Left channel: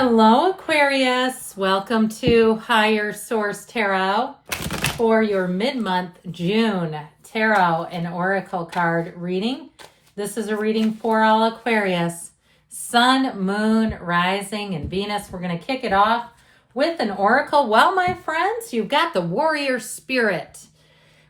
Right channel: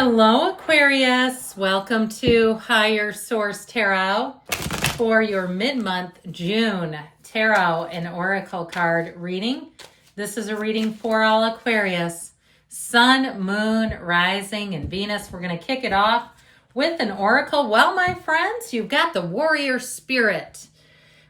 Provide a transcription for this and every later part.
Hello, Aquarius. Welcome to Higher Source Tarot for your mid-month June Tarot and Oracle card reading. This is a reading for all Aquarius. Sun, Moon, Rising, and Venus. We're going to kick it off with an Oracle. Well, my friends, you've got the warrior spirit.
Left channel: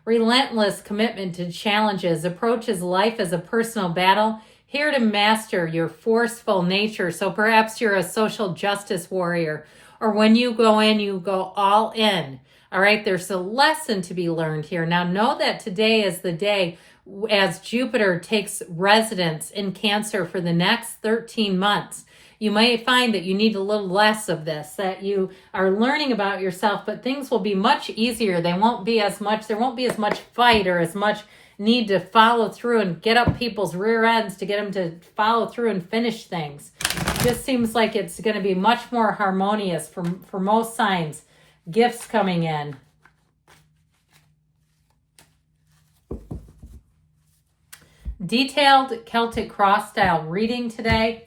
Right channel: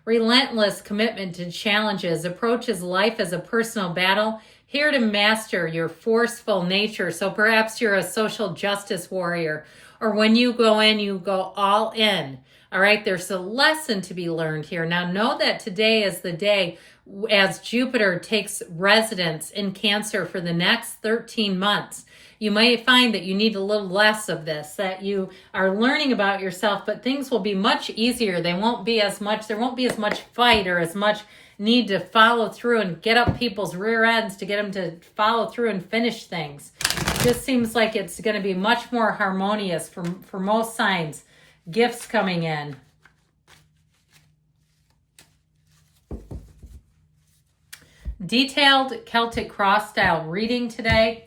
Relentless commitment to challenges, approaches life as a personal battle, here to master your forceful nature. So perhaps you're a social justice warrior, or when you go in, you go all in. All right, there's a lesson to be learned here. Now know that today is the day as Jupiter takes residence in Cancer for the next 13 months. You might find that you need a little less of this, that you are learning about yourself, but things will be much easier. There won't be as much fight or as much need to follow through and get up people's rear ends to get them to follow through and finish things. This seems like it's going to be much more harmonious for most signs. Gifts coming in. Detailed Celtic cross style reading today.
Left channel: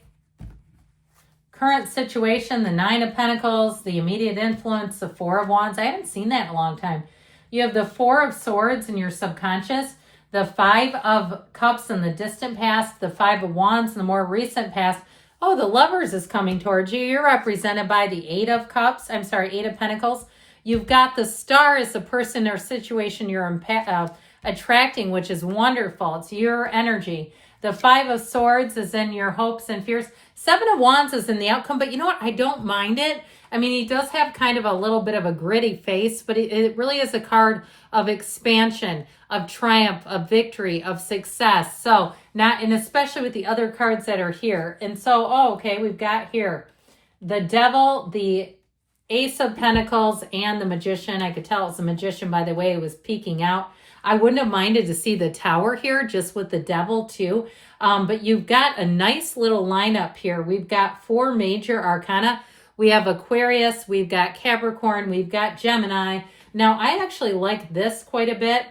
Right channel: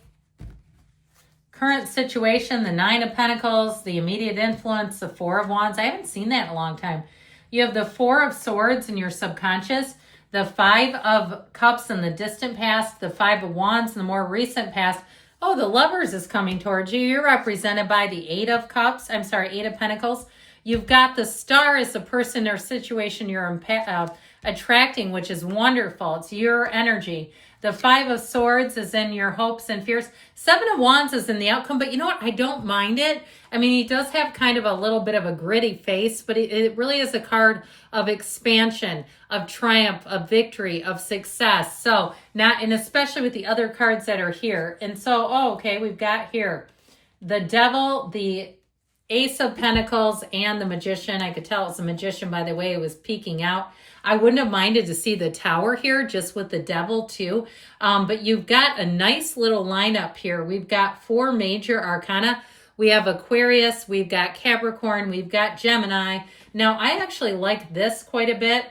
Current situation, the Nine of Pentacles, the immediate influence, the Four of Wands. I haven't seen that in a long time. You have the Four of Swords in your subconscious, the Five of Cups in the distant past, the Five of Wands in the more recent past. Oh, the Lovers is coming towards you. You're represented by the Eight of Pentacles. You've got the Star as the person or situation you're attracting, which is wonderful. It's your energy. The Five of Swords is in your hopes and fears. Seven of Wands is in the outcome, but you know what? I don't mind it. I mean, he does have kind of a little bit of a gritty face, but it really is a card of expansion, of triumph, of victory, of success. So, and especially with the other cards that are here. And so, we've got here the Devil, the Ace of Pentacles, and the Magician. I could tell it was a Magician by the way it was peeking out. I wouldn't have minded to see the Tower here, just with the Devil too. But you've got a nice little lineup here. We've got four major arcana. We have Aquarius, we've got Capricorn, we've got Gemini. Now, I actually like this quite a bit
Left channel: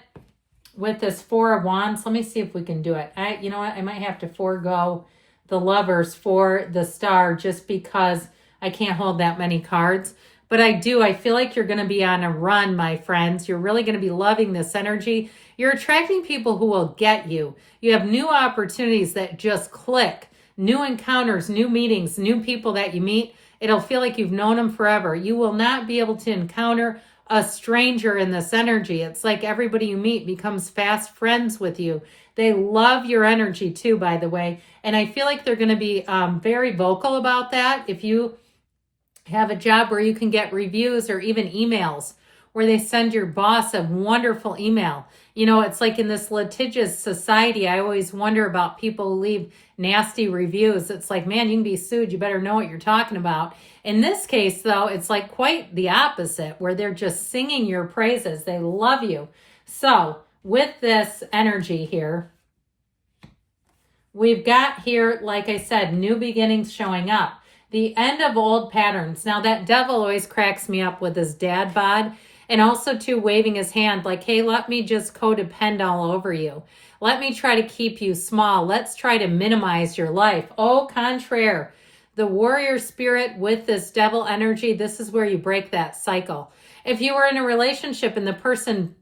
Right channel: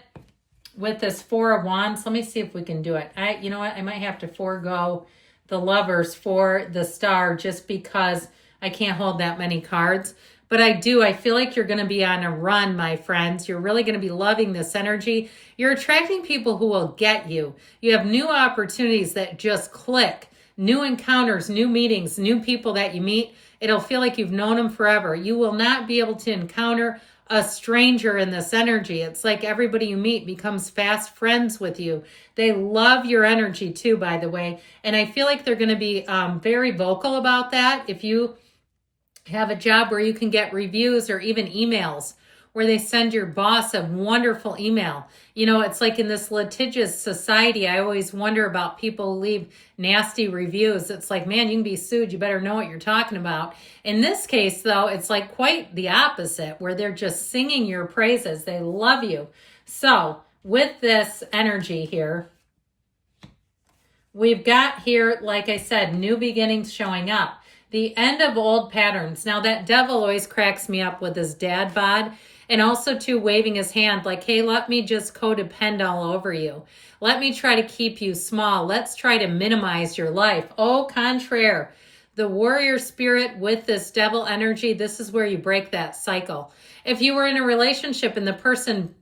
with this Four of Wands. Let me see if we can do it. You know what? I might have to forego the Lovers for the Star just because I can't hold that many cards. But I feel like you're going to be on a run, my friends. You're really going to be loving this energy. You're attracting people who will get you. You have new opportunities that just click. New encounters, new meetings, new people that you meet. It'll feel like you've known them forever. You will not be able to encounter a stranger in this energy. It's like everybody you meet becomes fast friends with you. They love your energy too, by the way. And I feel like they're going to be very vocal about that. If you have a job where you can get reviews or even emails where they send your boss a wonderful email. You know, it's like in this litigious society, I always wonder about people who leave nasty reviews. It's like, man, you can be sued. You better know what you're talking about. In this case, though, it's like quite the opposite, where they're just singing your praises. They love you. So with this energy here, we've got here, like I said, new beginnings showing up. The end of old patterns. Now, that Devil always cracks me up with his dad bod. And also, too, waving his hand like, hey, let me just codepend all over you. Let me try to keep you small. Let's try to minimize your life. Au contraire, the warrior spirit with this Devil energy, this is where you break that cycle. If you were in a relationship and the person,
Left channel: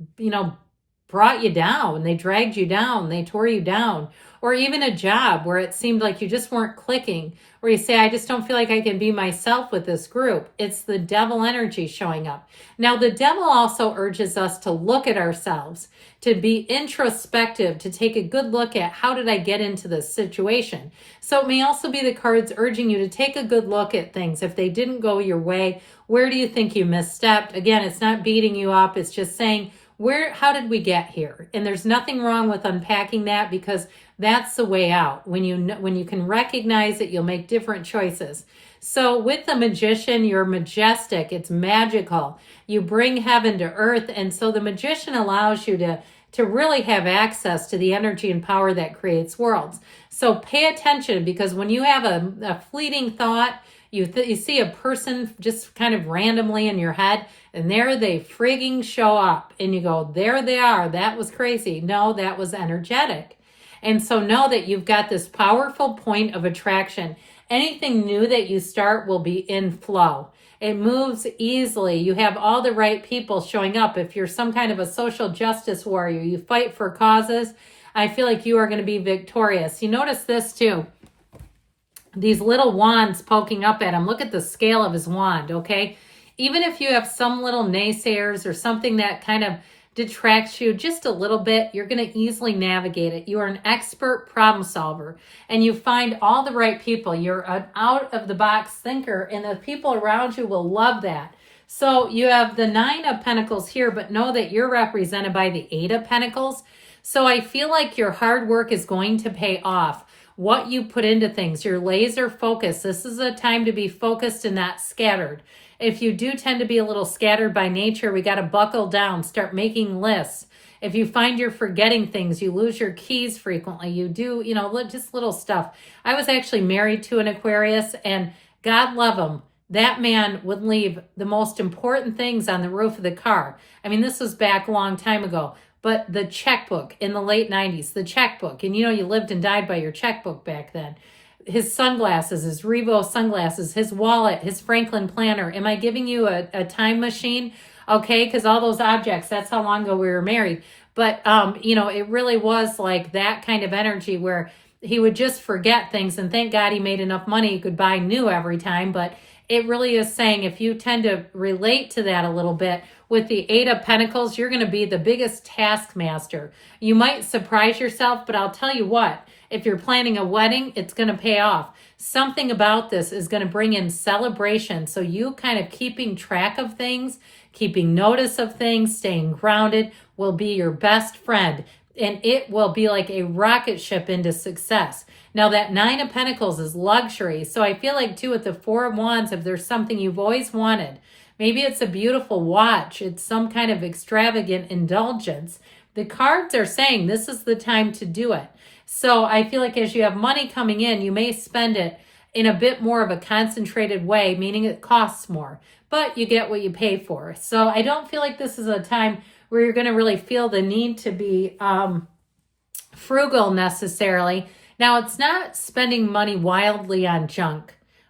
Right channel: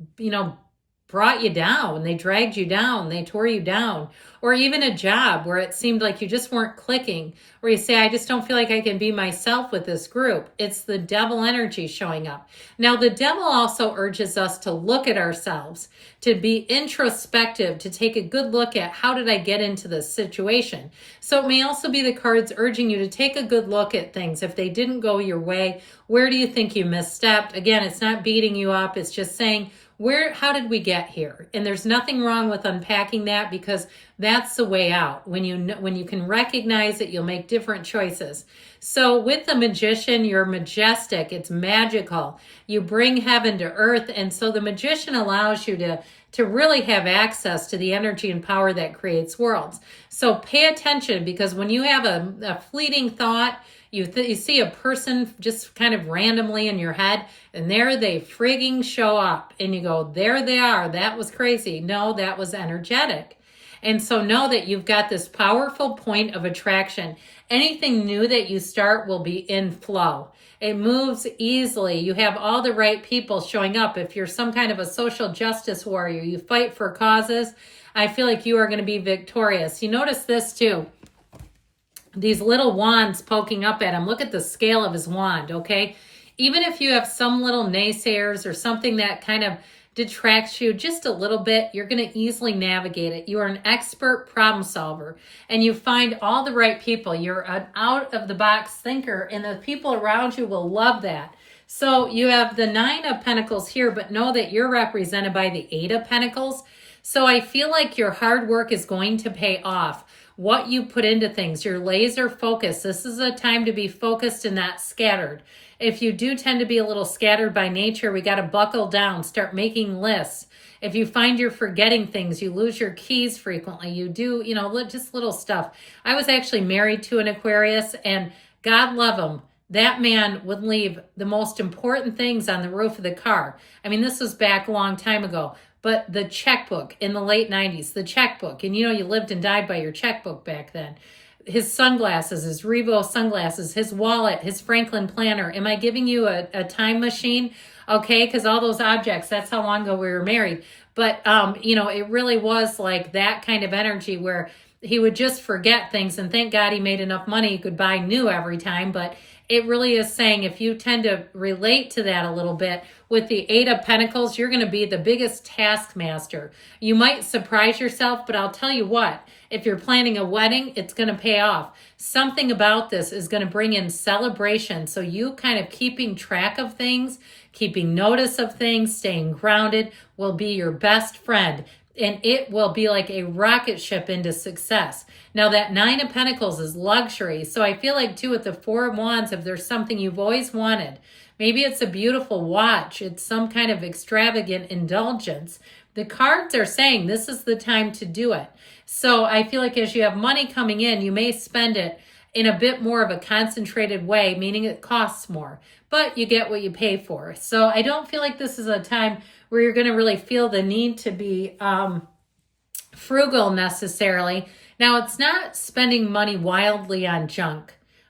brought you down, they dragged you down, they tore you down, or even a job where it seemed like you just weren't clicking, where you say, I just don't feel like I can be myself with this group. It's the Devil energy showing up. Now, the Devil also urges us to look at ourselves, to be introspective, to take a good look at how did I get into this situation. So it may also be the cards urging you to take a good look at things. If they didn't go your way, where do you think you misstepped? Again, it's not beating you up. It's just saying, how did we get here? And there's nothing wrong with unpacking that, because that's the way out. When you can recognize it, you'll make different choices. So with the Magician, you're majestic. It's magical. You bring heaven to earth. And so the Magician allows you to really have access to the energy and power that creates worlds. So pay attention, because when you have a fleeting thought, you see a person just kind of randomly in your head, and there they frigging show up, and you go, there they are. That was crazy. No, that was energetic. And so know that you've got this powerful point of attraction. Anything new that you start will be in flow. It moves easily. You have all the right people showing up. If you're some kind of a social justice warrior, you fight for causes, I feel like you are going to be victorious. You notice this too. These little wands poking up at him. Look at the scale of his wand, okay? Even if you have some little naysayers or something that kind of detracts you just a little bit, you're going to easily navigate it. You are an expert problem solver, and you find all the right people. You're an out-of-the-box thinker, and the people around you will love that. So you have the 9 of Pentacles here, but know that you're represented by the 8 of Pentacles. So I feel like your hard work is going to pay off. What you put into things, your laser focus. This is a time to be focused and not scattered. If you do tend to be a little scattered by nature, we got to buckle down, start making lists. If you find you're forgetting things, you lose your keys frequently, you do, just little stuff. I was actually married to an Aquarius, and God love him. That man would leave the most important things on the roof of the car. I mean, this was back a long time ago. But the checkbook in the late 90s, the checkbook, and you lived and died by your checkbook back then. His sunglasses, his Revo sunglasses, his wallet, his Franklin planner. Am I giving you a time machine? Okay, because all those objects, that's how long ago we were married. But, it really was like that kind of energy where he would just forget things, and thank God he made enough money he could buy new every time. But it really is saying, if you tend to relate to that a little bit, with the 8 of Pentacles, you're going to be the biggest taskmaster. You might surprise yourself, but I'll tell you what, if you're planning a wedding, it's going to pay off. Something about this is going to bring in celebration. So you kind of keeping track of things, keeping notice of things, staying grounded will be your best friend. And it will be like a rocket ship into success. Now that 9 of Pentacles is luxury. So I feel like too with the 4 of Wands, if there's something you've always wanted, maybe it's a beautiful watch, it's some kind of extravagant indulgence, the cards are saying this is the time to do it. So I feel like as you have money coming in, you may spend it in a bit more of a concentrated way, meaning it costs more, but you get what you pay for. So I don't feel like this is a time where you're going to really feel the need to be frugal necessarily. Now, it's not spending money wildly on junk,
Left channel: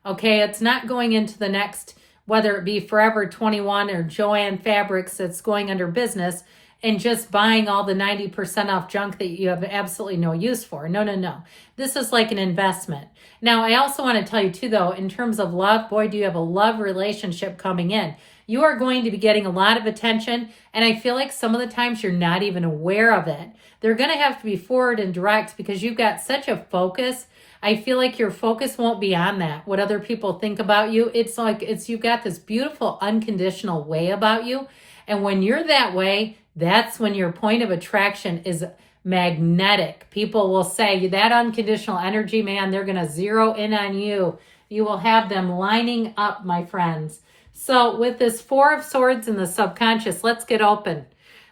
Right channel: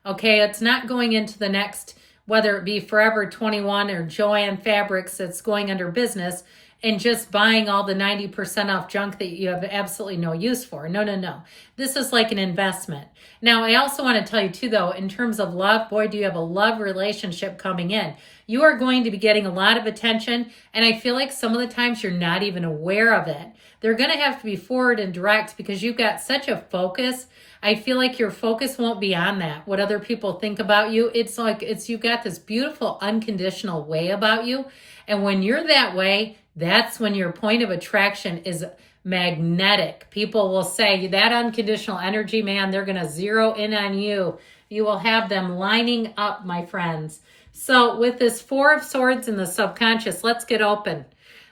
okay? It's not going into the next, whether it be Forever 21 or Joann Fabrics that's going under business, and just buying all the 90% off junk that you have absolutely no use for. No. This is like an investment. Now, I also want to tell you too, though, in terms of love, boy, do you have a love relationship coming in. You are going to be getting a lot of attention, and I feel like some of the times you're not even aware of it. They're going to have to be forward and direct because you've got such a focus. I feel like your focus won't be on that, what other people think about you. It's like you've got this beautiful unconditional way about you. And when you're that way, that's when your point of attraction is magnetic. People will say that unconditional energy, man, they're going to zero in on you. You will have them lining up, my friends. So with this 4 of Swords in the subconscious, let's get open.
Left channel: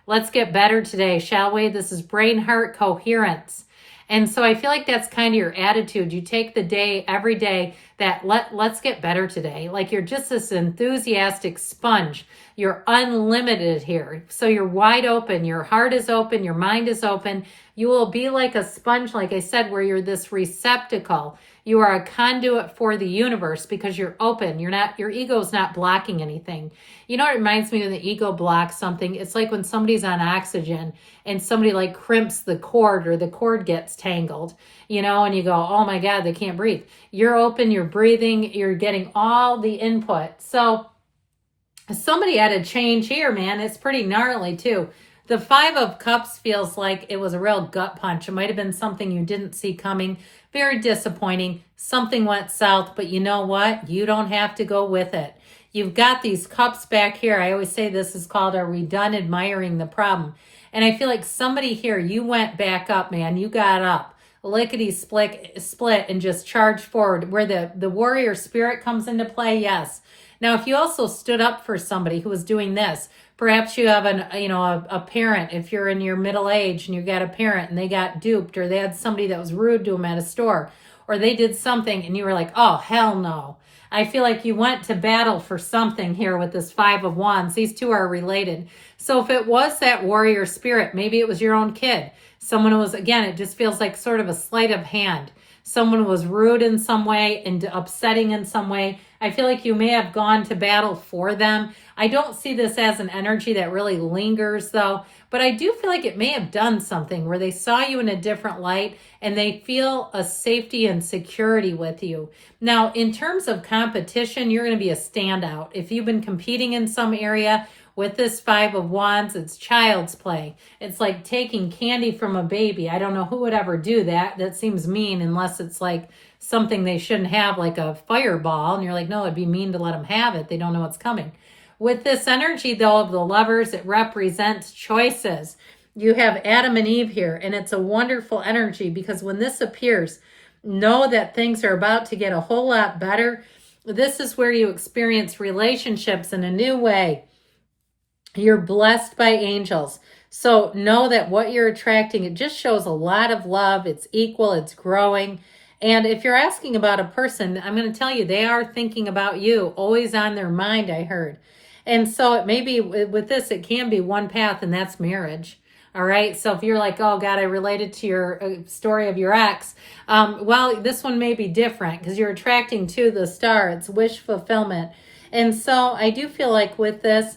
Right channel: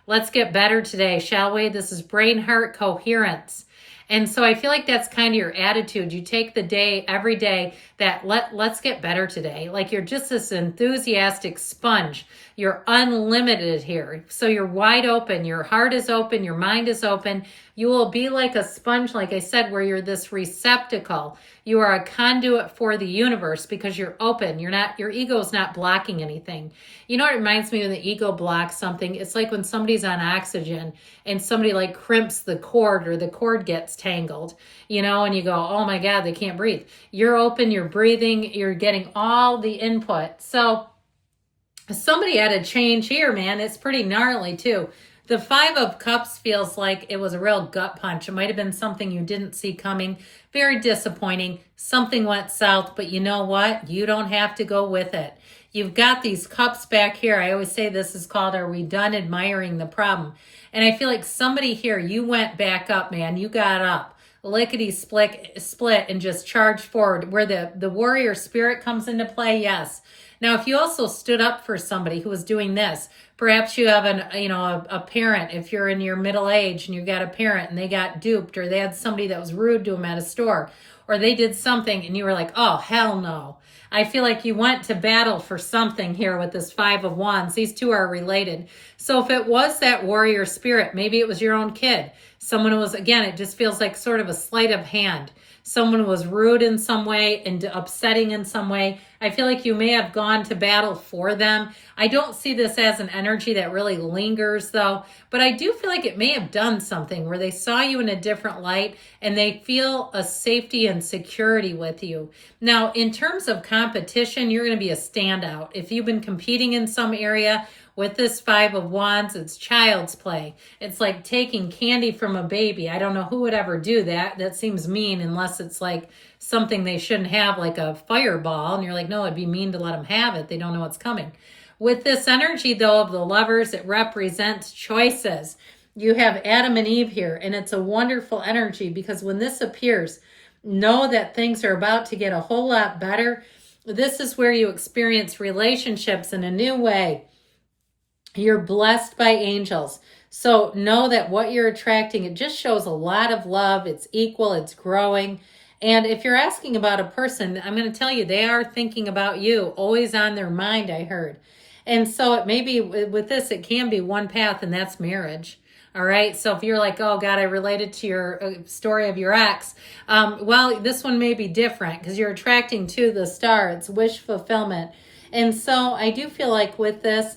Let's get better today, shall we? This is brain heart coherence. And so I feel like that's kind of your attitude. You take the day, every day, that let's get better today. Like you're just this enthusiastic sponge. You're unlimited here. So you're wide open. Your heart is open. Your mind is open. You will be like a sponge, like I said, where you're this receptacle. You are a conduit for the universe because you're open. Your ego is not blocking anything. You know, it reminds me when the ego blocks something. It's like when somebody's on oxygen and somebody like crimps the cord or the cord gets tangled, and you go, oh my God, they can't breathe. You're open, you're breathing, you're getting all the input. So somebody had a change here, man. It's pretty gnarly too. The 5 of Cups feels like it was a real gut punch. It might have been something you didn't see coming. Very disappointing. Something went south, but you know what? You don't have to go with it. You've got these cups back here. I always say this is called, are we done admiring the problem? And I feel like somebody here, you went back up, man. You got up. Lickety split and just charged forward. Where the warrior spirit comes into play, yes. Now, if you also stood up for somebody who was doing this, perhaps you have a parent, if you're in your middle age and you got a parent and they got duped, or they had somebody that was rude to them at a store, or they did something and you were like, oh, hell no. I feel like you went to battle for something here with this 5 of Wands. These two are related. So if it was that warrior spirit, maybe it was your own kid. Someone who was, again, it just feels like sort of a sleight of hand. someone was rude in some way and upsetting in some way. I feel like you may have gone to battle for them. I don't see this as an energy that really lingers though, but I do feel like it may have done something where they saw you in a different light and they feel a safety and security with you. Now, in terms of competition, you're going to be a standout. If you've been competing in some area, with this Five of Wands, it's child's play. It's like taking candy from a baby. I don't know who would ever do that. That seems mean unless it's like something they shouldn't have, like a fireball. And you're like, no, it'd be mean to let them have it. They don't know what's coming. With this energy, though, of the Lovers, it represents choices. You have Adam and Eve here, and it's a wonderful energy because when this appears, know that things are about to get a whole lot better. This is where you experience relationships in a new way. You're blessed by angels. So know that what you're attracting, it just shows a lot of love. It's equal, it's growing. And if you're asking about a person, I'm going to tell you, they are thinking about you, always on their mind, I heard. And so it may be, with this, it can be one path, and that's marriage. All right. So if you're like, oh God, I related to your story of your ex. Well, this one may be different because you're attracting to the star. It's wish fulfillment. And so I do feel like with this,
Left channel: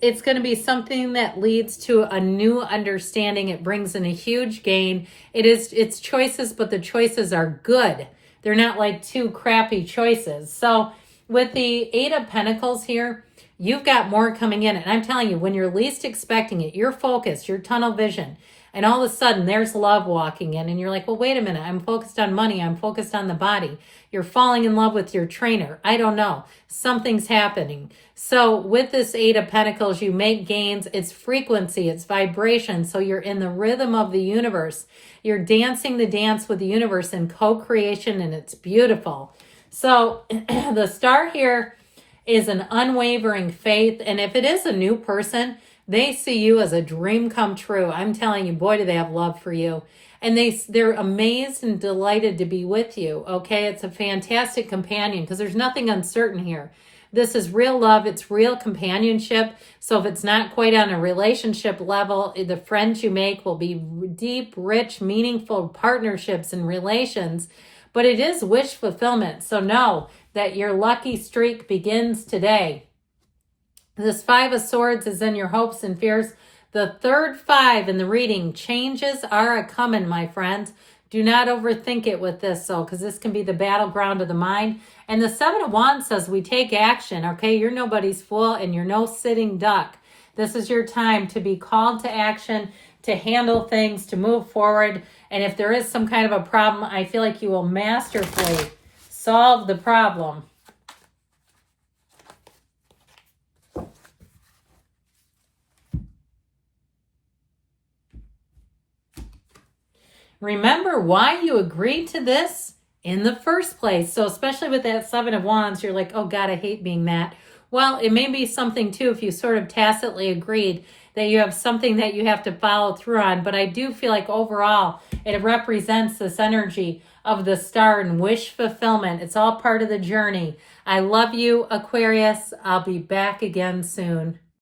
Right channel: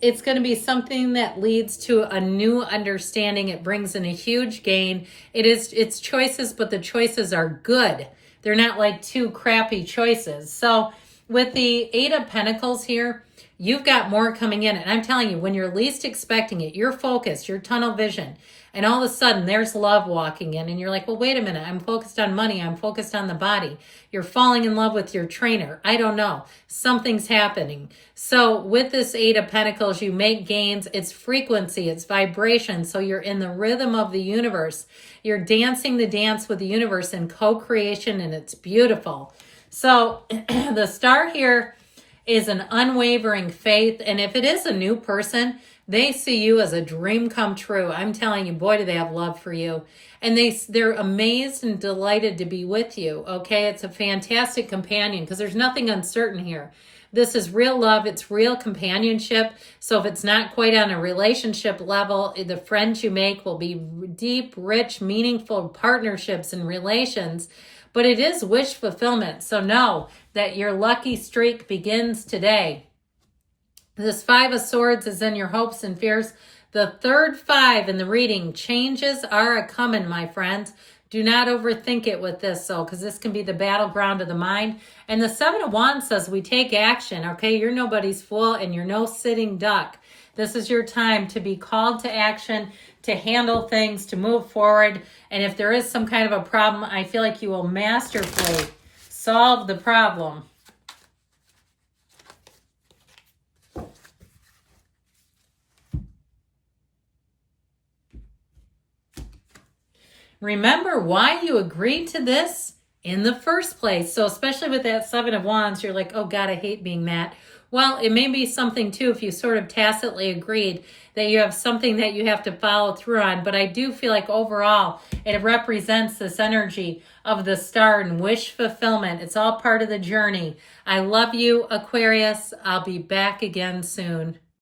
it's going to be something that leads to a new understanding. It brings in a huge gain. It's choices, but the choices are good. They're not like two crappy choices. So with the Eight of Pentacles here, you've got more coming in. And I'm telling you, when you're least expecting it, you're focused, you're tunnel vision. And all of a sudden, there's love walking in. And you're like, well, wait a minute. I'm focused on money. I'm focused on the body. You're falling in love with your trainer. I don't know. Something's happening. So with this Eight of Pentacles, you make gains. It's frequency. It's vibration. So you're in the rhythm of the universe. You're dancing the dance with the universe in co-creation, and it's beautiful. So the star here is an unwavering faith. And if it is a new person, they see you as a dream come true. I'm telling you, boy, do they have love for you. And they're amazed and delighted to be with you, okay? It's a fantastic companion because there's nothing uncertain here. This is real love. It's real companionship. So if it's not quite on a relationship level, the friends you make will be deep, rich, meaningful partnerships and relations. But it is wish fulfillment. So know that your lucky streak begins today. This Five of Swords is in your hopes and fears. The third five in the reading, changes are a-coming, my friends. Do not overthink it with this, though, because this can be the battleground of the mind. And the Seven of Wands says we take action, okay? You're nobody's fool, and you're no sitting duck. This is your time to be called to action, to handle things, to move forward. And if there is some kind of a problem, I feel like you will masterfully solve the problem. Remember why you agreed to this in the first place. So especially with that Seven of Wands, you're like, oh God, I hate being that. Well, it may be something too if you sort of tacitly agreed that you have something that you have to follow through on. But I do feel like overall it represents this energy of the star and wish fulfillment. It's all part of the journey. I love you, Aquarius. I'll be back again soon.